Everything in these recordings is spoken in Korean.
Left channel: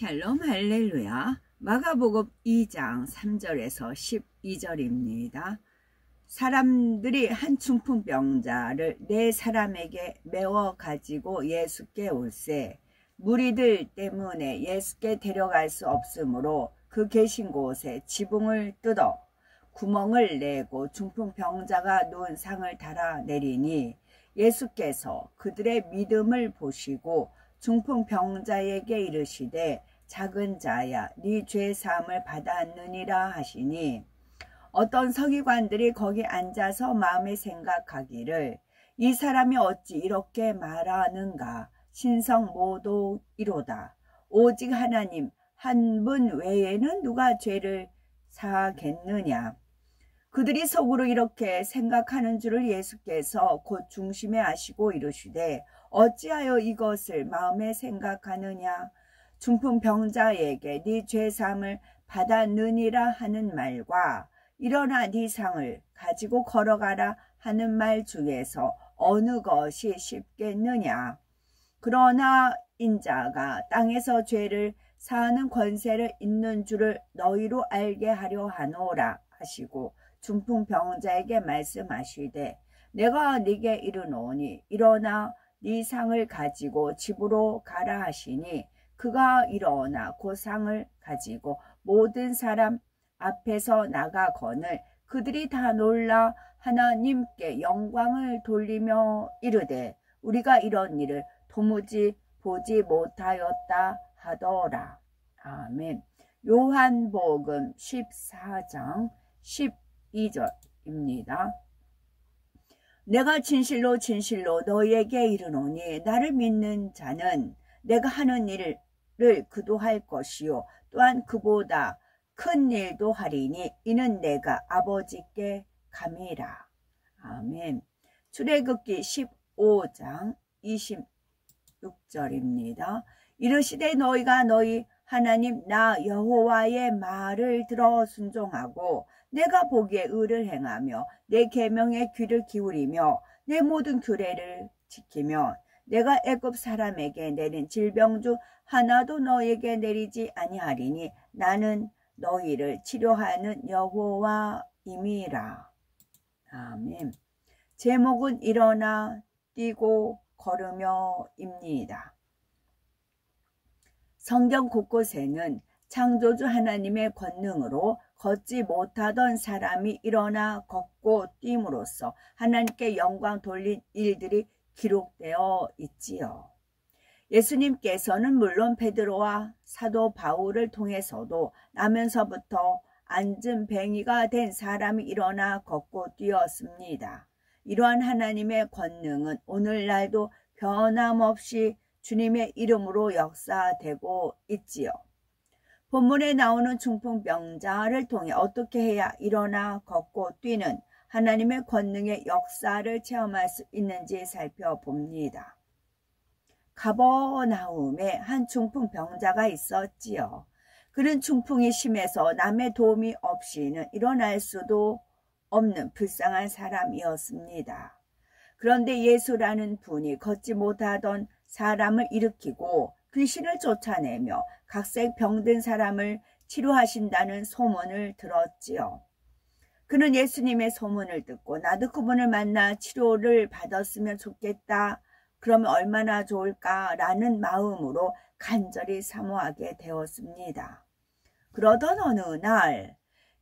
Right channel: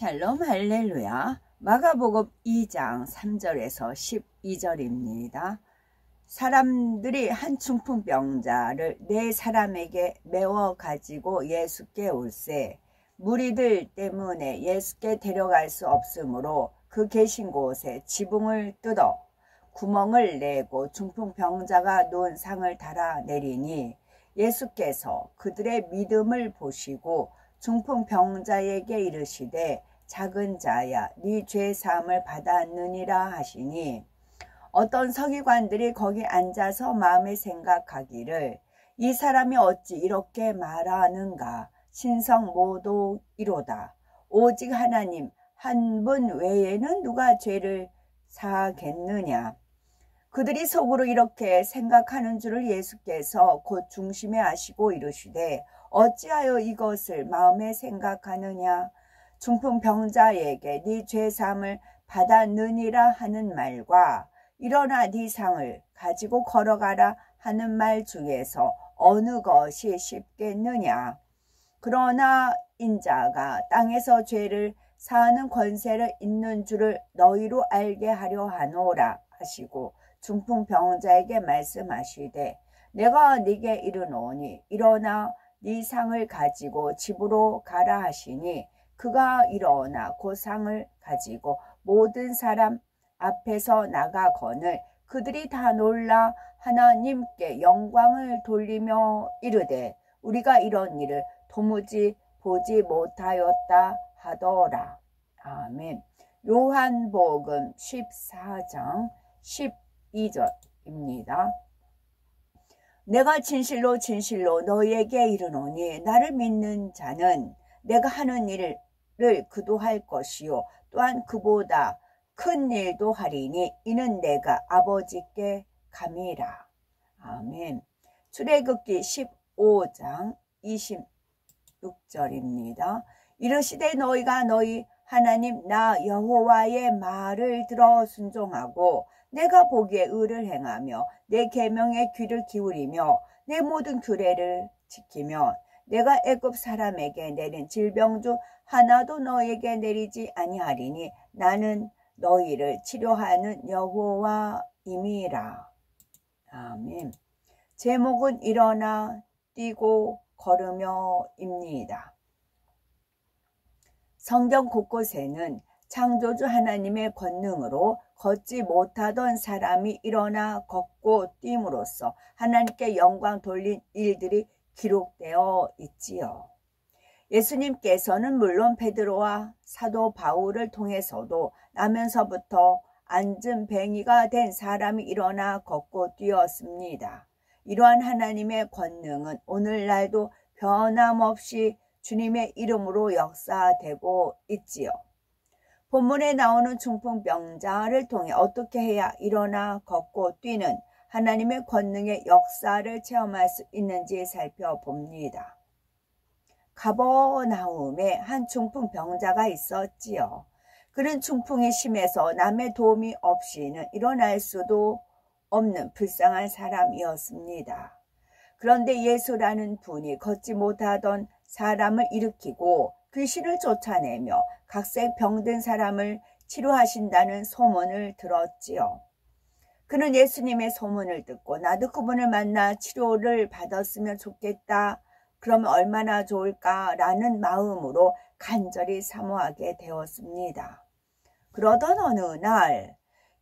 샬롬 할렐루야. 마가복음 2장 3절에서 12절입니다. 사람들이 한 중풍병자를 네 사람에게 메워 가지고 예수께 올세 무리들 때문에 예수께 데려갈 수 없으므로 그 계신 곳에 지붕을 뜯어 구멍을 내고 중풍병자가 놓은 상을 달아 내리니 예수께서 그들의 믿음을 보시고 중풍병자에게 이르시되 작은 자야 네 죄 사함을 받았느니라 하시니 어떤 서기관들이 거기 앉아서 마음에 생각하기를 이 사람이 어찌 이렇게 말하는가 신성모독이로다. 오직 하나님 한 분 외에는 누가 죄를 사하겠느냐. 그들이 속으로 이렇게 생각하는 줄을 예수께서 곧 중심에 아시고 이르시되 어찌하여 이것을 마음에 생각하느냐. 중풍병자에게 네 죄사함을 받았느니라 하는 말과 일어나 네 상을 가지고 걸어가라 하는 말 중에서 어느 것이 쉽겠느냐. 그러나 인자가 땅에서 죄를 사하는 권세를 있는 줄을 너희로 알게 하려 하노라 하시고 중풍병자에게 말씀하시되 내가 네게 이르노니 일어나 네 상을 가지고 집으로 가라 하시니 그가 일어나 그 상을 가지고 모든 사람 앞에서 나가거늘 그들이 다 놀라 하나님께 영광을 돌리며 이르되 우리가 이런 일을 도무지 보지 못하였다 하더라. 아멘. 요한복음 14장 12절입니다. 내가 진실로 진실로 너희에게 이르노니 나를 믿는 자는 내가 하는 일을 그도 할 것이요 또한 그보다 큰 일도 하리니 이는 내가 아버지께 감이라. 아멘. 출애굽기 15장 26절입니다. 이르시되 너희가 너희 하나님 나 여호와의 말을 들어 순종하고 내가 보기에 의를 행하며 내 계명에 귀를 기울이며 내 모든 규례를 지키며 내가 애굽 사람에게 내린 질병 중 하나도 너에게 내리지 아니하리니 나는 너희를 치료하는 여호와임이라. 아멘. 제목은 일어나 뛰고 걸으며입니다. 성경 곳곳에는 창조주 하나님의 권능으로 걷지 못하던 사람이 일어나 걷고 뛴으로써 하나님께 영광 돌린 일들이 기록되어 있지요. 예수님께서는 물론 베드로와 사도 바울을 통해서도 나면서부터 안진뱅이가 된 사람이 일어나 걷고 뛰었습니다. 이러한 하나님의 권능은 오늘날도 변함없이 주님의 이름으로 역사되고 있지요. 본문에 나오는 중풍병자를 통해 어떻게 해야 일어나 걷고 뛰는 하나님의 권능의 역사를 체험할 수 있는지 살펴봅니다. 가버나움에 한 중풍병자가 있었지요. 그는 중풍이 심해서 남의 도움이 없이는 일어날 수도 없는 불쌍한 사람이었습니다. 그런데 예수라는 분이 걷지 못하던 사람을 일으키고 귀신을 쫓아내며 각색 병든 사람을 치료하신다는 소문을 들었지요. 그는 예수님의 소문을 듣고 나도 그분을 만나 치료를 받았으면 좋겠다. 그러면 얼마나 좋을까라는 마음으로 간절히 사모하게 되었습니다. 그러던 어느 날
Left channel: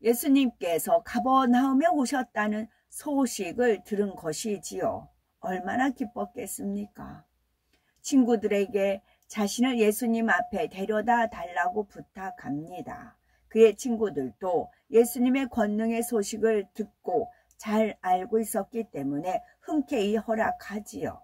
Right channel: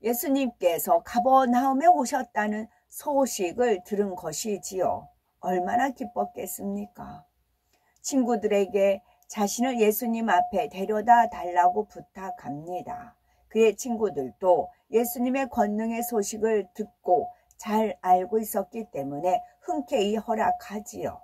예수님께서 가버나움에 오셨다는 소식을 들은 것이지요. 얼마나 기뻤겠습니까? 친구들에게 자신을 예수님 앞에 데려다 달라고 부탁합니다. 그의 친구들도 예수님의 권능의 소식을 듣고 잘 알고 있었기 때문에 흔쾌히 허락하지요.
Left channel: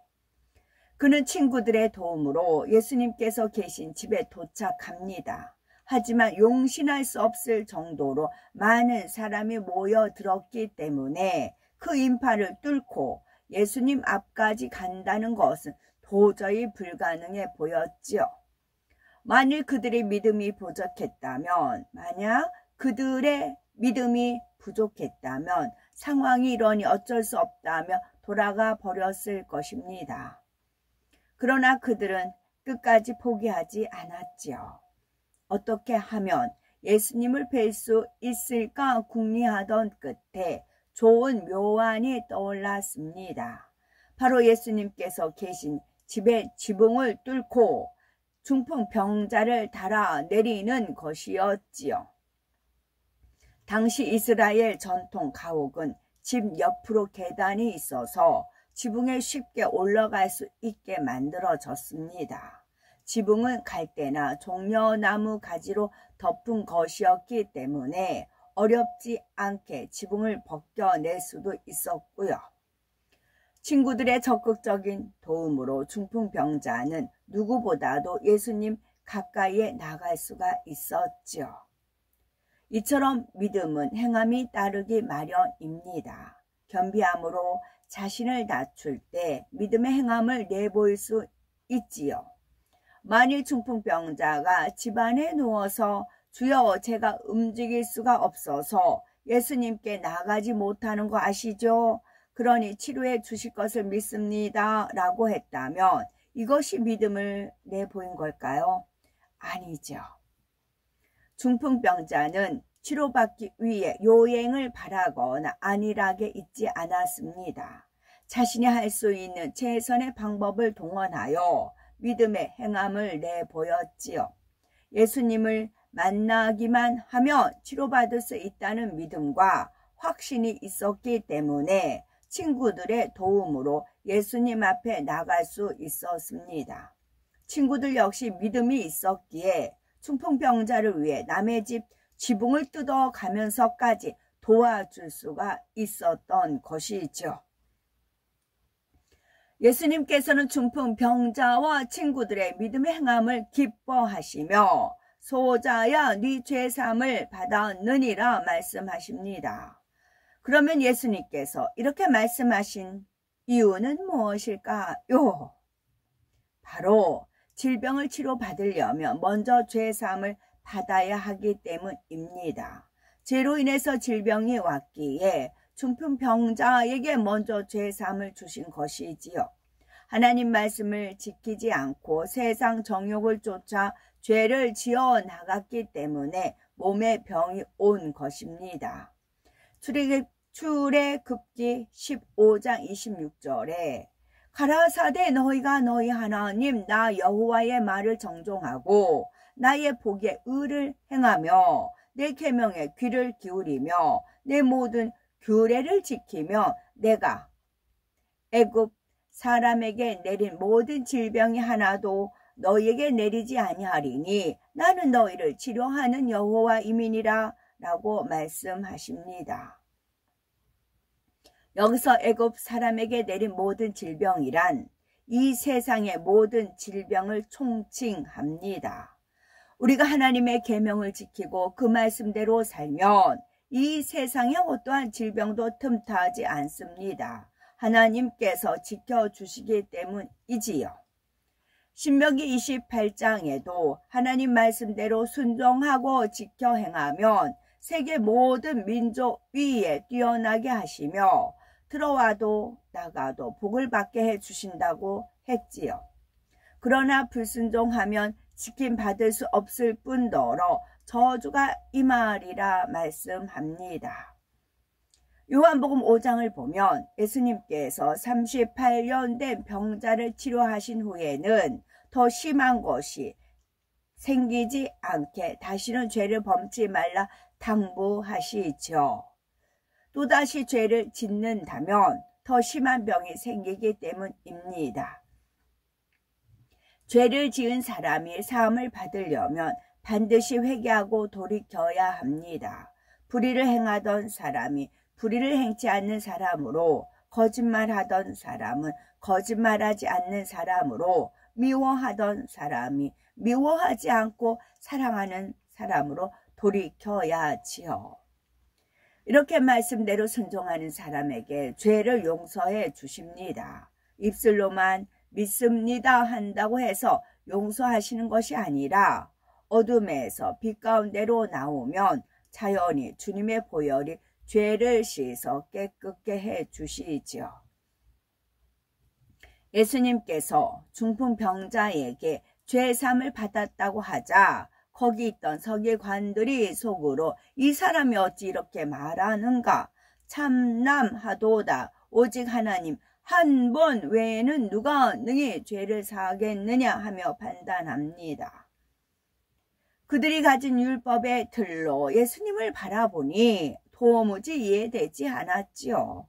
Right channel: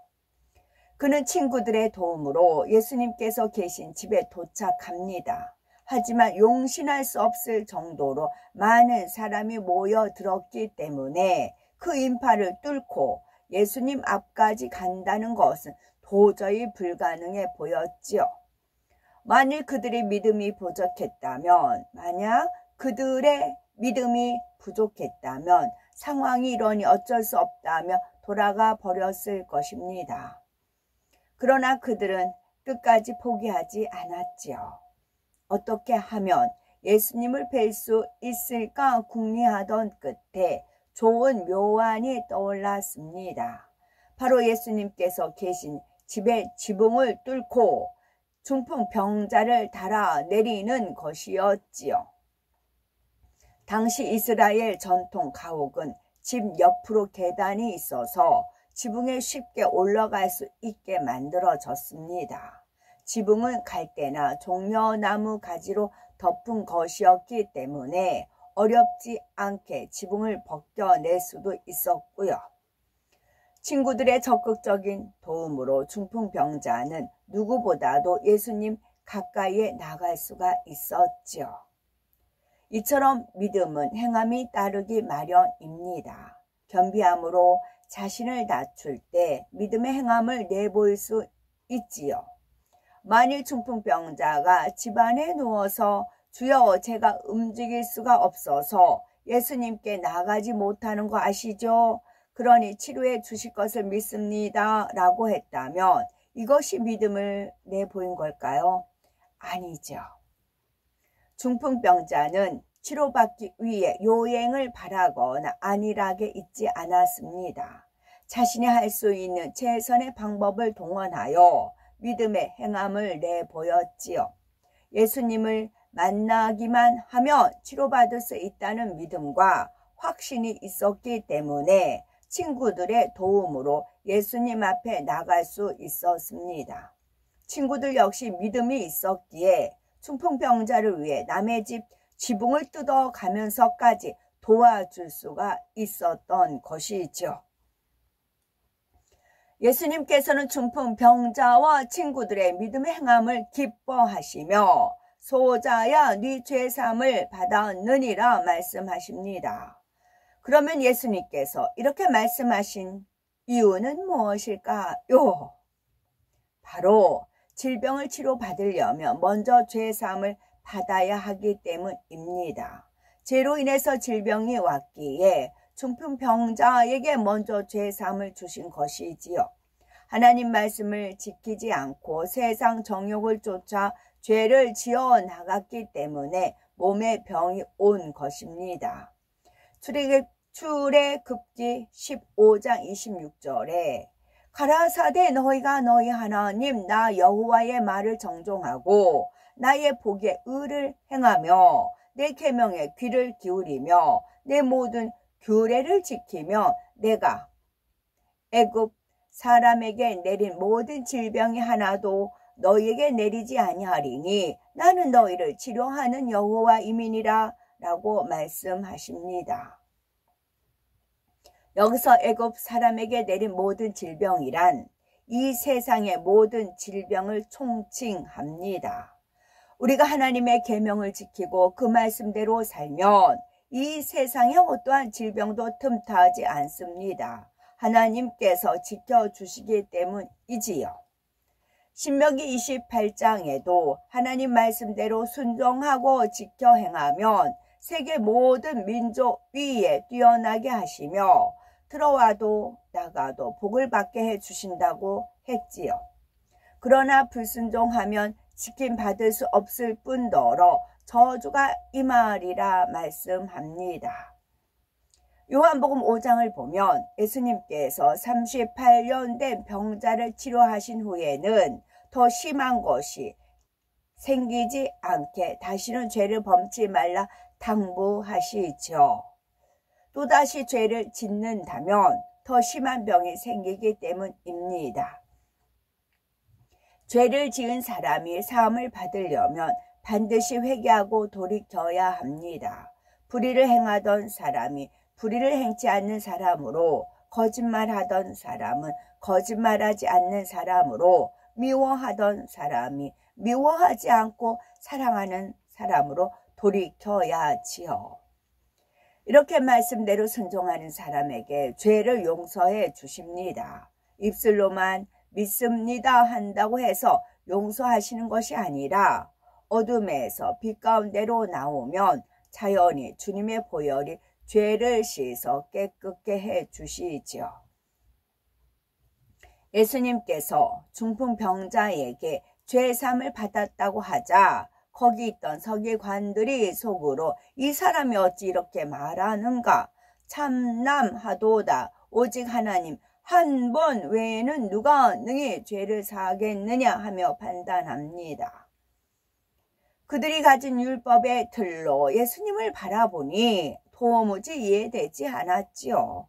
그는 친구들의 도움으로 예수님께서 계신 집에 도착합니다. 하지만 용신할 수 없을 정도로 많은 사람이 모여들었기 때문에 그 인파를 뚫고 예수님 앞까지 간다는 것은 도저히 불가능해 보였지요. 만일 그들의 믿음이 부족했다면, 상황이 이러니 어쩔 수 없다며 돌아가 버렸을 것입니다. 그러나 그들은 끝까지 포기하지 않았지요. 어떻게 하면 예수님을 뵐 수 있을까 궁리하던 끝에 좋은 묘안이 떠올랐습니다. 바로 예수님께서 계신 집의 지붕을 뚫고 중풍병자를 달아 내리는 것이었지요. 당시 이스라엘 전통 가옥은 집 옆으로 계단이 있어서 지붕에 쉽게 올라갈 수 있게 만들어졌습니다. 지붕은 갈대나 종려나무 가지로 덮은 것이었기 때문에 어렵지 않게 지붕을 벗겨낼 수도 있었고요. 친구들의 적극적인 도움으로 중풍병자는 누구보다도 예수님 가까이에 나갈 수가 있었죠. 이처럼 믿음은 행함이 따르기 마련입니다. 겸비함으로 자신을 낮출 때 믿음의 행함을 내보일 수 있지요. 만일 중풍병자가 집안에 누워서 주여 제가 움직일 수가 없어서 예수님께 나가지 못하는 거 아시죠? 그러니 치료해 주실 것을 믿습니다 라고 했다면 이것이 믿음을 내보인 걸까요? 아니죠. 중풍병자는 치료받기 위해 요행을 바라거나 안일하게 있지 않았습니다. 자신이 할 수 있는 최선의 방법을 동원하여 믿음의 행함을 내보였지요. 예수님을 만나기만 하면 치료받을 수 있다는 믿음과 확신이 있었기 때문에 친구들의 도움으로 예수님 앞에 나갈 수 있었습니다. 친구들 역시 믿음이 있었기에 중풍병자를 위해 남의 집 지붕을 뜯어가면서까지 도와줄 수가 있었던 것이죠. 예수님께서는 중풍병자와 친구들의 믿음의 행함을 기뻐하시며 소자야 네 죄사함을 받았느니라 말씀하십니다. 그러면 예수님께서 이렇게 말씀하신 이유는 무엇일까요? 바로 질병을 치료받으려면 먼저 죄사함을 받아야 하기 때문입니다. 죄로 인해서 질병이 왔기에 중풍병자에게 먼저 죄사함을 주신 것이지요. 하나님 말씀을 지키지 않고 세상 정욕을 쫓아 죄를 지어 나갔기 때문에 몸에 병이 온 것입니다. 출애굽기 15장 26절에 가라사대 너희가 너희 하나님 나 여호와의 말을 정종하고 나의 복에 의를 행하며 내 계명에 귀를 기울이며 내 모든 규례를 지키며 내가 애굽 사람에게 내린 모든 질병이 하나도 너희에게 내리지 아니하리니 나는 너희를 치료하는 여호와임이니라 라고 말씀하십니다. 여기서 애굽 사람에게 내린 모든 질병이란 이 세상의 모든 질병을 총칭합니다. 우리가 하나님의 계명을 지키고 그 말씀대로 살면 이 세상의 어떠한 질병도 틈타지 않습니다. 하나님께서 지켜주시기 때문이지요. 신명기 28장에도 하나님 말씀대로 순종하고 지켜 행하면 세계 모든 민족 위에 뛰어나게 하시며 들어와도 나가도 복을 받게 해주신다고 했지요. 그러나 불순종하면 지킴받을 수 없을 뿐더러 저주가 임하리라 말씀합니다. 요한복음 5장을 보면 예수님께서 38년 된 병자를 치료하신 후에는 더 심한 것이 생기지 않게 다시는 죄를 범치 말라 당부하시죠. 또다시 죄를 짓는다면 더 심한 병이 생기기 때문입니다. 죄를 지은 사람이 사함을 받으려면 반드시 회개하고 돌이켜야 합니다. 불의를 행하던 사람이 불의를 행치 않는 사람으로, 거짓말하던 사람은 거짓말하지 않는 사람으로, 미워하던 사람이 미워하지 않고 사랑하는 사람으로 돌이켜야지요. 이렇게 말씀대로 순종하는 사람에게 죄를 용서해 주십니다. 입술로만 믿습니다 한다고 해서 용서하시는 것이 아니라 어둠에서 빛 가운데로 나오면 자연히 주님의 보혈이 죄를 씻어 깨끗게 해 주시지요. 예수님께서 중풍병자에게 죄사함을 받았다고 하자 거기 있던 서기관들이 속으로 이 사람이 어찌 이렇게 말하는가? 참남하도다. 오직 하나님 한 번 외에는 누가 능히 죄를 사하겠느냐 하며 판단합니다. 그들이 가진 율법의 틀로 예수님을 바라보니 도무지 이해되지 않았지요.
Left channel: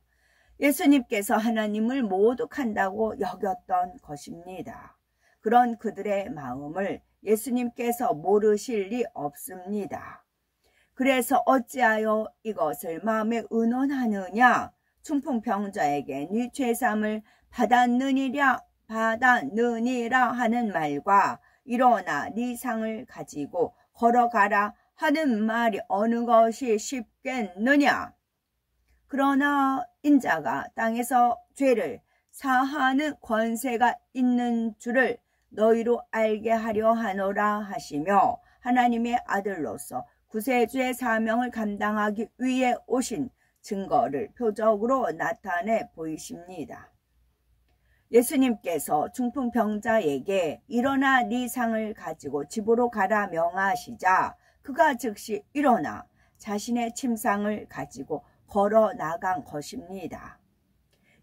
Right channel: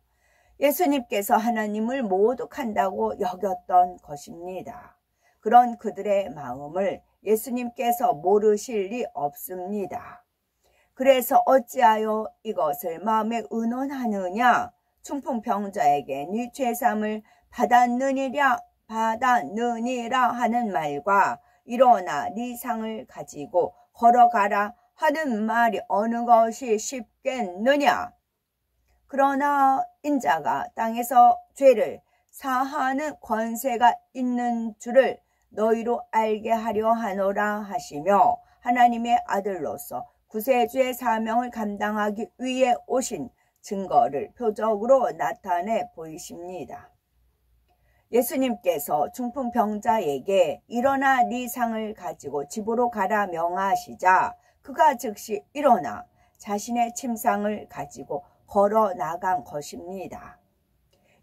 예수님께서 하나님을 모독한다고 여겼던 것입니다. 그런 그들의 마음을 예수님께서 모르실 리 없습니다. 그래서 어찌하여 이것을 마음에 의논하느냐? 중풍병자에게 네 죄삼을 받았느니라 하는 말과 일어나 네 상을 가지고 걸어가라 하는 말이 어느 것이 쉽겠느냐? 그러나 인자가 땅에서 죄를 사하는 권세가 있는 줄을 너희로 알게 하려 하노라 하시며 하나님의 아들로서 구세주의 사명을 감당하기 위해 오신 증거를 표적으로 나타내 보이십니다. 예수님께서 중풍병자에게 일어나 네 상을 가지고 집으로 가라 명하시자 그가 즉시 일어나 자신의 침상을 가지고 걸어 나간 것입니다.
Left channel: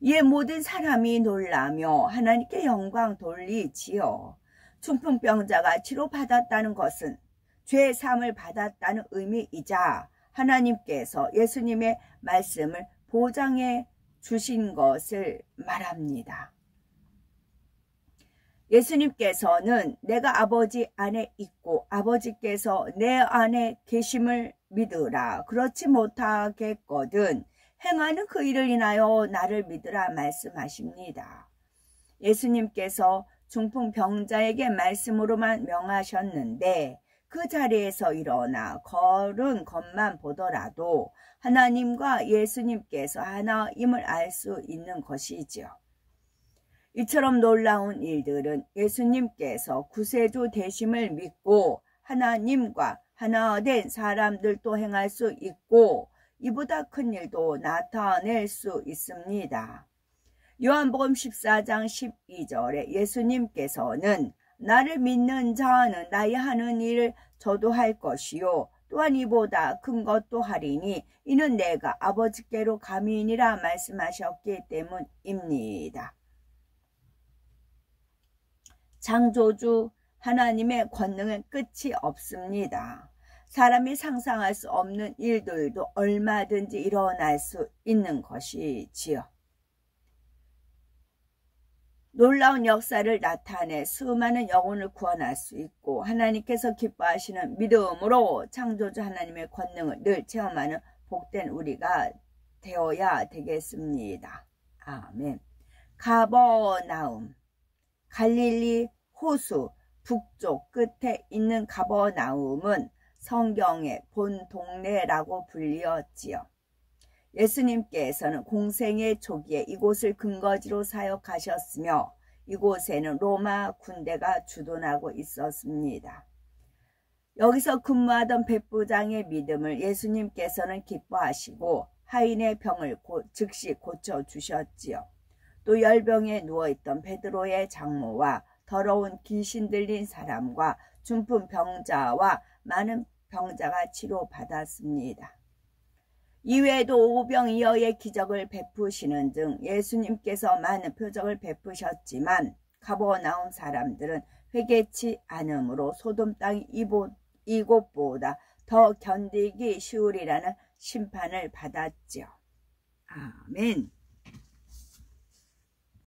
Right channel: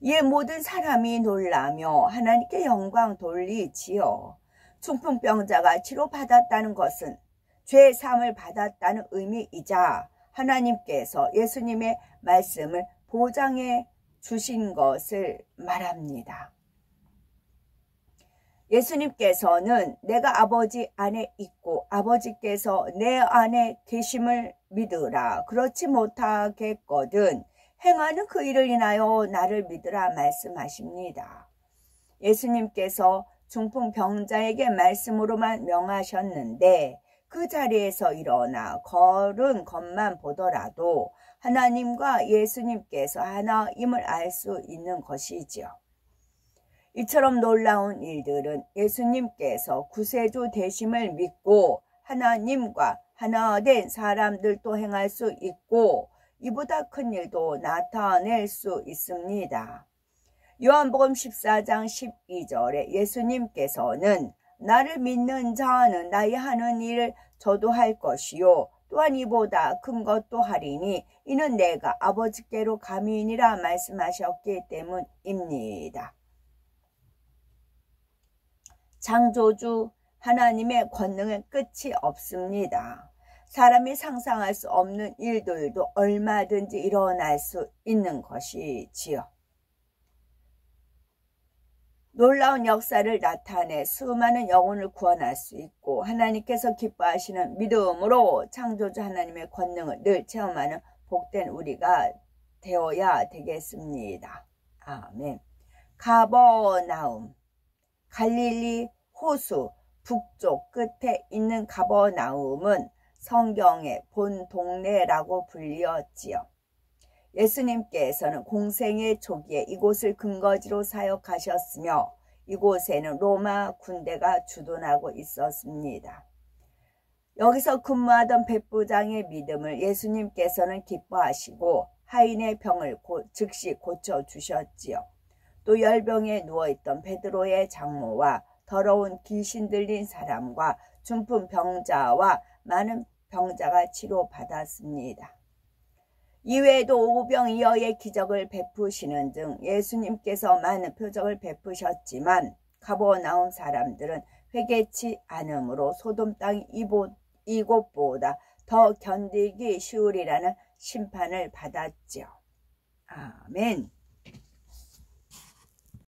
이에 모든 사람이 놀라며 하나님께 영광 돌리지요. 중풍병자가 치료받았다는 것은 죄 사함을 받았다는 의미이자 하나님께서 예수님의 말씀을 보장해 주신 것을 말합니다. 예수님께서는 내가 아버지 안에 있고 아버지께서 내 안에 계심을 믿으라. 그렇지 못하겠거든 행하는 그 일을 인하여 나를 믿으라 말씀하십니다. 예수님께서 중풍병자에게 말씀으로만 명하셨는데 그 자리에서 일어나 걸은 것만 보더라도 하나님과 예수님께서 하나임을 알 수 있는 것이지요. 이처럼 놀라운 일들은 예수님께서 구세주 되심을 믿고 하나님과 하나 된 사람들도 행할 수 있고 이보다 큰 일도 나타낼 수 있습니다. 요한복음 14장 12절에 예수님께서는 나를 믿는 자는 나의 하는 일을 저도 할 것이요 또한 이보다 큰 것도 하리니 이는 내가 아버지께로 감이니라 말씀하셨기 때문입니다. 창조주 하나님의 권능은 끝이 없습니다. 사람이 상상할 수 없는 일들도 얼마든지 일어날 수 있는 것이지요. 놀라운 역사를 나타내 수많은 영혼을 구원할 수 있고 하나님께서 기뻐하시는 믿음으로 창조주 하나님의 권능을 늘 체험하는 복된 우리가 되어야 되겠습니다. 아멘. 가버나움, 갈릴리 호수 북쪽 끝에 있는 가버나움은 성경의 본 동네라고 불리었지요. 예수님께서는 공생의 초기에 이곳을 근거지로 사역하셨으며 이곳에는 로마 군대가 주둔하고 있었습니다. 여기서 근무하던 백부장의 믿음을 예수님께서는 기뻐하시고 하인의 병을 즉시 고쳐주셨지요. 또 열병에 누워있던 베드로의 장모와 더러운 귀신 들린 사람과 중풍 병자와 많은 병자가 치료받았습니다. 이외에도 오병이어의 기적을 베푸시는 등 예수님께서 많은 표적을 베푸셨지만 가버나움 사람들은 회개치 않으므로 소돔 땅 이곳보다 더 견디기 쉬우리라는 심판을 받았지요. 아멘.